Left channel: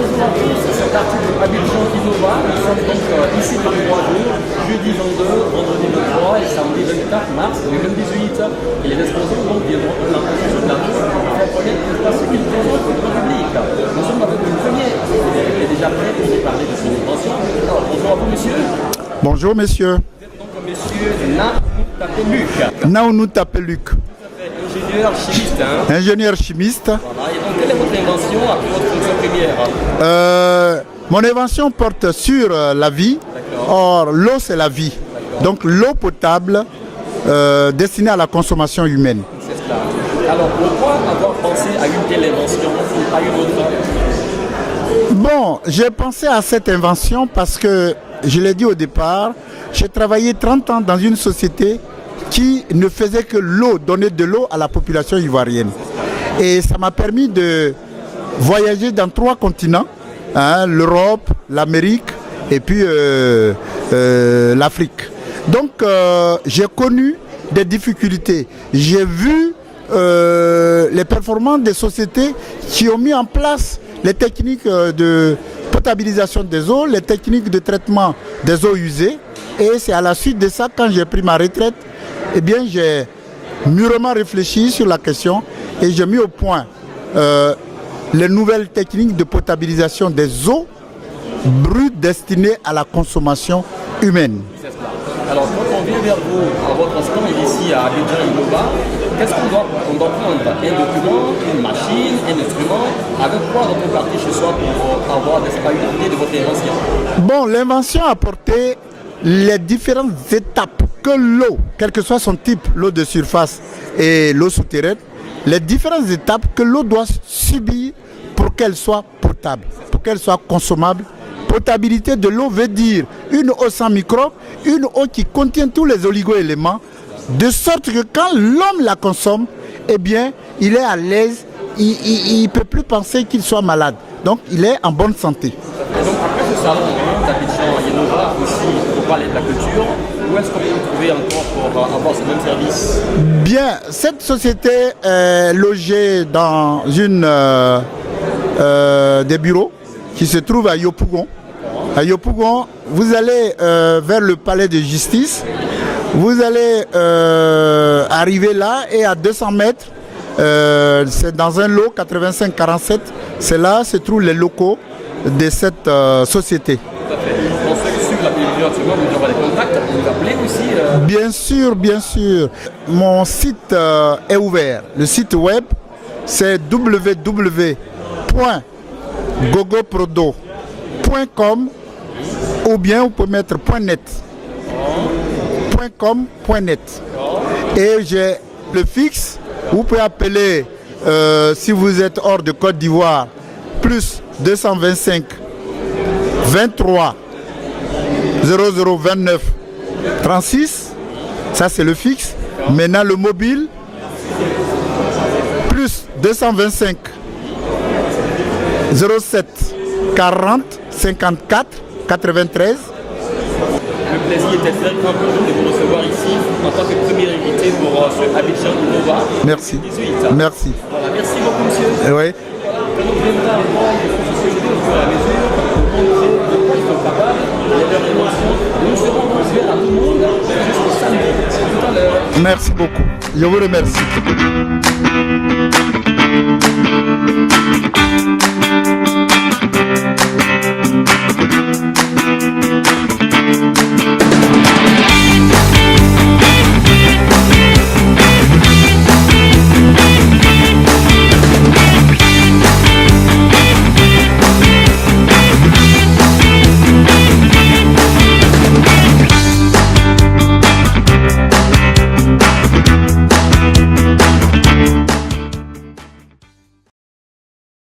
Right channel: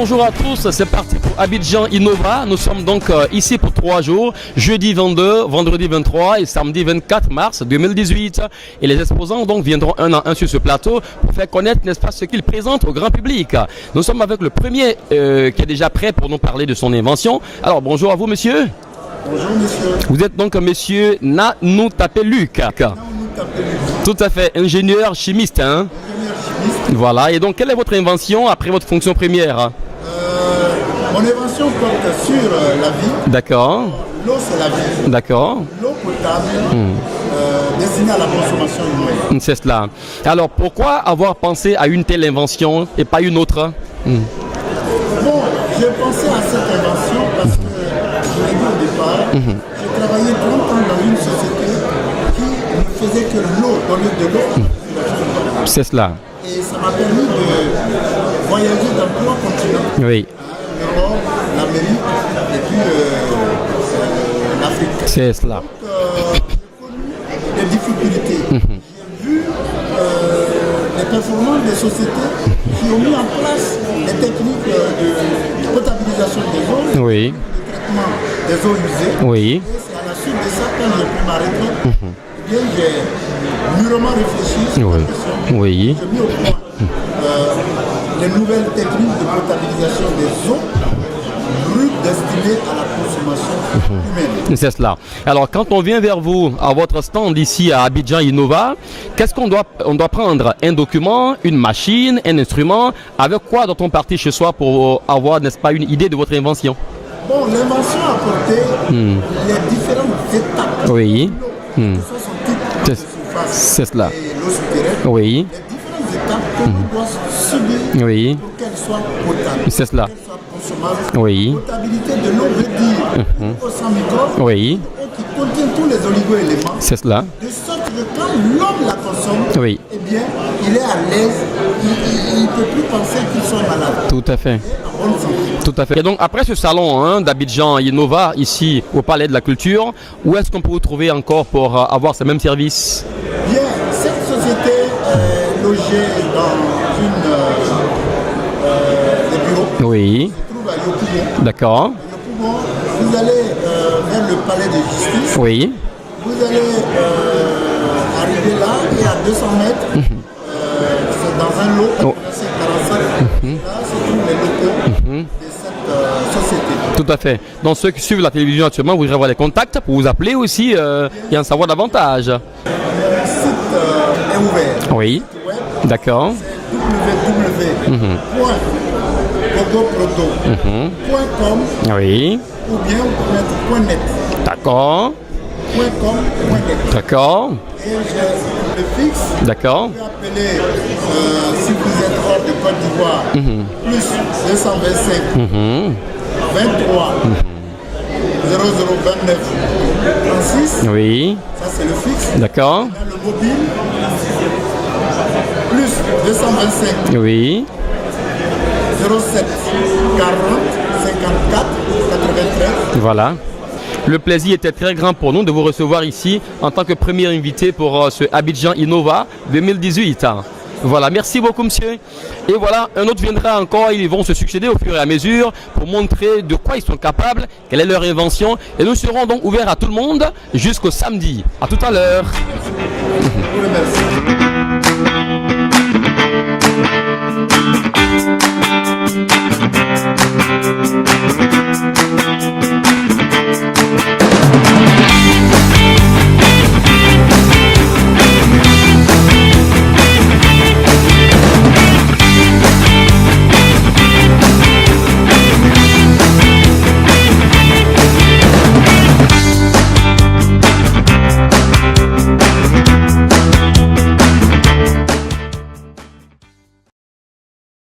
Bonjour à tous, c'est parti pour Abidjan Innova. Nous sommes donc ici pour 3 jours, jeudi 22, vendredi 23 et samedi 24 mars 2018. Et les exposants donc viendront un à un sur ce plateau pour faire connaître, n'est-ce pas, ce qu'ils présentent au grand public. Nous sommes avec le premier qui est déjà prêt pour nous parler de son invention. Alors bonjour à vous monsieur. Bonjour monsieur. Vous êtes donc monsieur Nanou Tapeluk. Nanou Tapeluk. Tout à fait, ingénieur chimiste. Hein? Ingénieur chimiste. Voilà, et donc quelle est votre invention après votre fonction première? Mon invention porte sur la vie. D'accord. Or, l'eau c'est la vie. D'accord. Donc l'eau potable destinée à la consommation humaine. C'est cela. Alors pourquoi avoir pensé à une telle invention et pas une autre? Bon, j'ai pensé à cette invention parce que, je l'ai dit au départ, j'ai travaillé 30 ans dans une société qui ne faisait que l'eau, donner de l'eau à la population ivoirienne. C'est cela. Et ça m'a permis de voyager dans 3 continents, oui. L'Europe, l'Amérique et puis l'Afrique. Donc j'ai connu des difficultés. J'ai vu les performances des sociétés qui ont mis en place les techniques de potabilisation des eaux, les techniques de traitement des eaux usées. Oui. Et c'est à la suite de ça, quand j'ai pris ma retraite, eh bien j'ai mûrement réfléchi sur la question et j'ai mis au point les nouvelles techniques de potabilisation des eaux brutes destinées à la consommation humaine. C'est cela. Alors quand on vient vers vous, à votre stand ici à Abidjan Innova, qu'est-ce qu'on doit prendre? Un document, une machine, un instrument? Avec quoi doit-on partir ce soir pour avoir, n'est-ce pas, une idée de votre invention? Bon, l'invention a porté les différentes étapes que l'eau, quel que soit son type, l'eau de surface et l'eau souterraine, les différentes étapes que l'eau doit subir pour qu'elle soit potable, pour qu'elle soit consommable. Potabilité de l'eau veut dire une eau sans microbes, une eau qui contient tous les oligo-éléments, de sorte que quand l'homme la consomme, eh bien, il est à l'aise, il ne peut plus penser qu'il soit malade. Donc, il est en bonne santé. Tout à fait. Et donc, après ce salon d'Abidjan Innova, ici au Palais de la Culture, où est-ce qu'on peut vous trouver encore pour avoir ce même service? Bien, cette société est logée dans une des bureaux qui se trouvent à Yopougon. D'accord. À Yopougon, vous allez vers le palais de justice. Vous allez arriver là et à 200 mètres, c'est dans un lot 85-47. C'est là, c'est tous les locaux de cette société. Tout à fait. Donc ceux qui suivent la télévision actuellement, vous avoir des contacts pour vous appeler aussi et en savoir davantage. Bien sûr. Mon site est ouvert. Le site web, c'est www.gogoprodo.com ou bien on peut mettre .net. D'accord. .com.net. D'accord. Et j'ai le fixe. D'accord. Vous pouvez appeler si vous êtes hors de Côte d'Ivoire plus 225 23 0029 36. Ça c'est le fixe. D'accord. Maintenant le mobile plus 225 07 40 54 93. Voilà. Le plaisir était très grand pour nous de vous recevoir ici en tant que premier invité pour ce Abidjan Innova 2018. Merci. Voilà, merci beaucoup monsieur. Et voilà, un autre viendra encore, ils vont se succéder au fur et à mesure pour montrer de quoi ils sont capables, quelle est leur invention. Et nous serons donc ouverts à tout le monde jusqu'au samedi. À tout à l'heure. Merci beaucoup. Je vous remercie.